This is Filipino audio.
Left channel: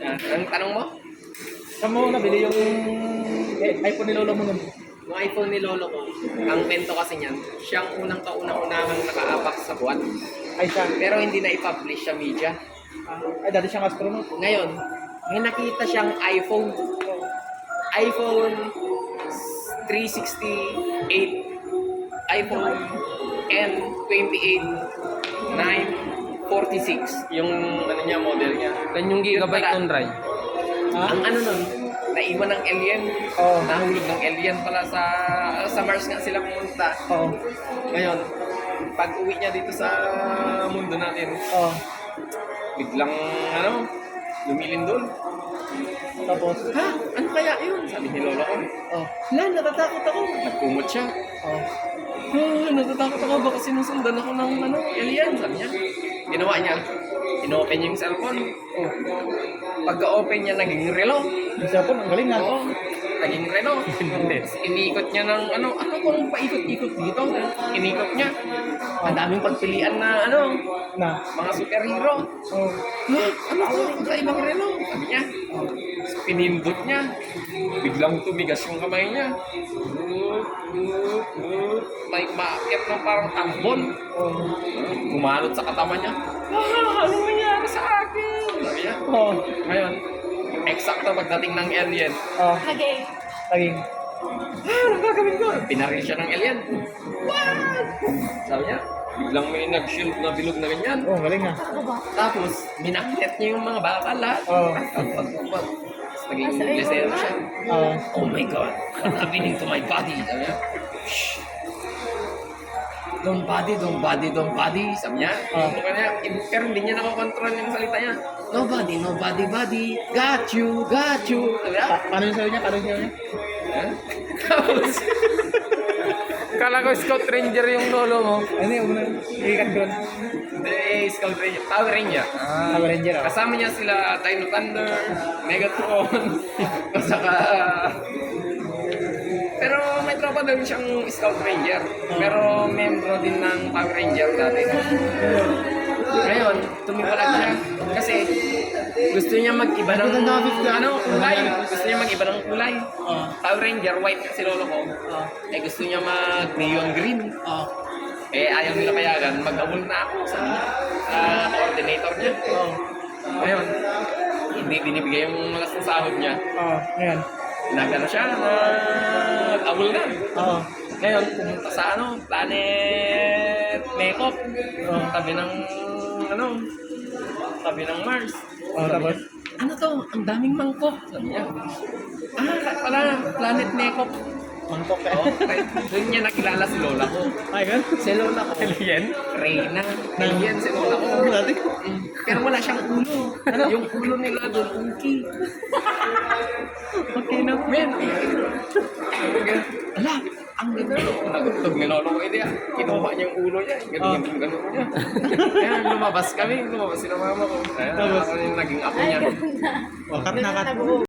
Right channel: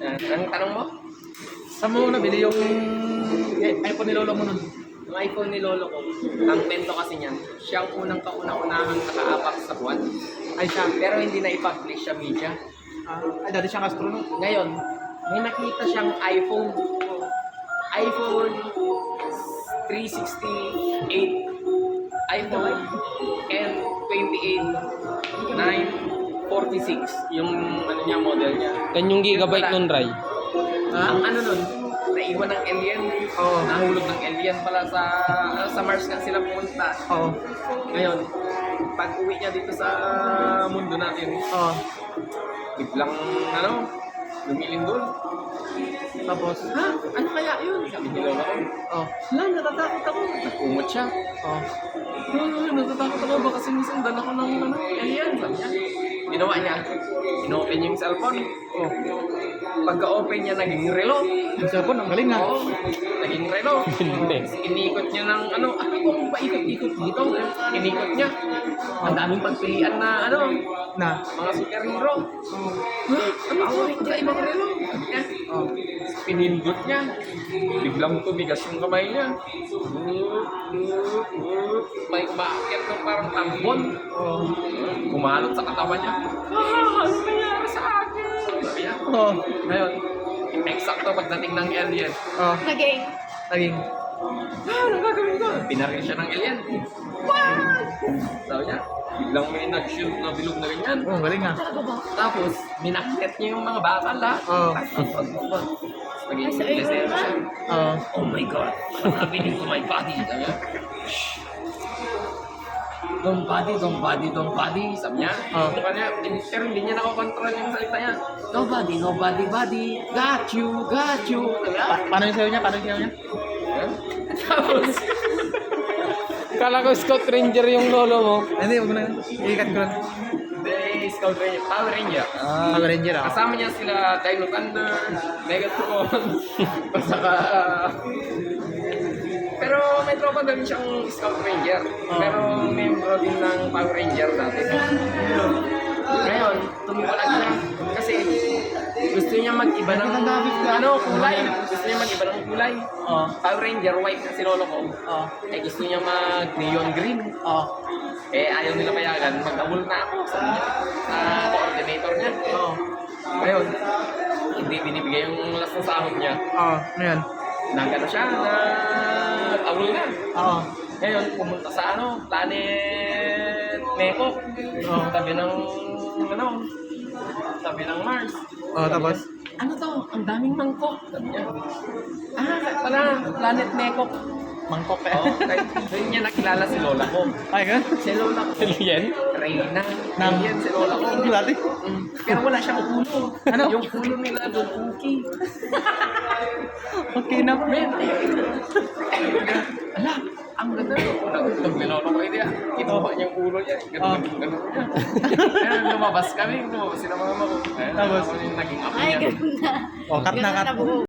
Anong tanong mo? Saan mo nabili yung iPhone ni lolo mo nun? Yung iPhone ni lolo ko, ang kwento kasi niyan, siyang unang kauna-unahang naka-apak sa buwan. Ay siya. Pero hindi na i-publish sa media. Ay, dati siyang astronaut. Ngayon, may nakita siyang iPhone 368, iPhone N28, 946, yung ano niya, model niya. Ganyong gigabyte Yun pala, nun, Ray. Ang ano nun, naiwan ng alien. Oo. Nahulog ng alien pala sa Mars nga sila pumunta. Oo. Ngayon, pag uwi niya dito sa mundo natin, Oo. biglang lumilindol. Tapos? Ha? Ano kaya yun? Sabi ni Lola ko. Oo. Wala, natatakot ako. Nagkumot siya. Oo. Natatakot ako. Baka sinusundan ako ng alien. Sabi niya. Ginawa niya. Inopen yung cellphone. Oo. Pagka-open niya, naging relo. Yung cellphone, ang galing na. Oo. Naging relo. Inikot niya ng ano kung paikot-ikot dito. Inikot niya. Ang daming pagpilian na Na. mga superhero. Oo. Ha? Ano to? Magkaibang relo. Sabi niya. Pinindot niya. Biglang tumigas yung kamay niya. May umaakit ng parang tambon. Oo. Kumalot sa katawan niya. Ano nangyari sa akin? Sabi niya. Oo. Ngayon, eksakto pagdating ng alien. Oo. Naging. Naging. Anong gagawin ko? Pinaril siya ng alien. What? Sabi niya, biglang may nag-shield na bilog na ganyan. Oo, ang galing na. Talaga ba? Tapos, minakyat niya yung mga bakal lahat. Oo. Tapos, naging Asa iyo desero na? siya. Oo. Oh my God, what happened to my body? Sabi niya. Shh. Don't body. Sabi niya. Sabi niya, pero hindi niya nakokontrol yung salita niya. Nobody, body. Got you. Sabi niya. Paano yung sayo niya? Paano yung sayo niya? Yan. Tapos, Kala ko Scout Ranger yung lolo mo. Ano yung muna? Ikat ko lang. Scout Ranger, Power Ranger. Power Ranger. Kasama niya sila Dino Thunder, Megatron, at saka... Pero may tropa din siyang Scout Ranger. Pero membro din ng Power Ranger dati. Ngayon, tumiwalag siya. Kasi gusto niya mag-iba ng kulay. Gusto niya mag-iba ng kulay. Oo. Power Ranger, white kasi lolo ko. Oo. Eh gusto niya mag-neon green. Oo. Eh ayaw nila payagan. Mag-awol na ako sa coordinator niya. Oo. Ngayon, hindi binibigay yung malas ng sahod niya. Oo. Ano yan? Nagano siya, nag-awol na. Oo. Ngayon, pumunta sa planet Mekop. Oo. Tabi ng Mars. Oo, tapos? Ano to? Ang daming mangkok. Sabi niya. Pala, planet Mekop. Mangkok eh. Oh, doon niya nakilala si lola ko. Ay, ganun? Si lola ko, Alien? Reyna. Alien si lola ko. Ano natin? Pero wala siyang ulo. Yung ulo nila doon, uki. Okay na. Men, ala, ang ganda no. Nagtog ni lolo ko, kinuha niya yung ulo niya. Ganun niya. Ayan, lumabas sila mama ko. Ayan, ako yung naging apo Ay, niya. ganun na. Oh, cut na, cut. Ganun na buo.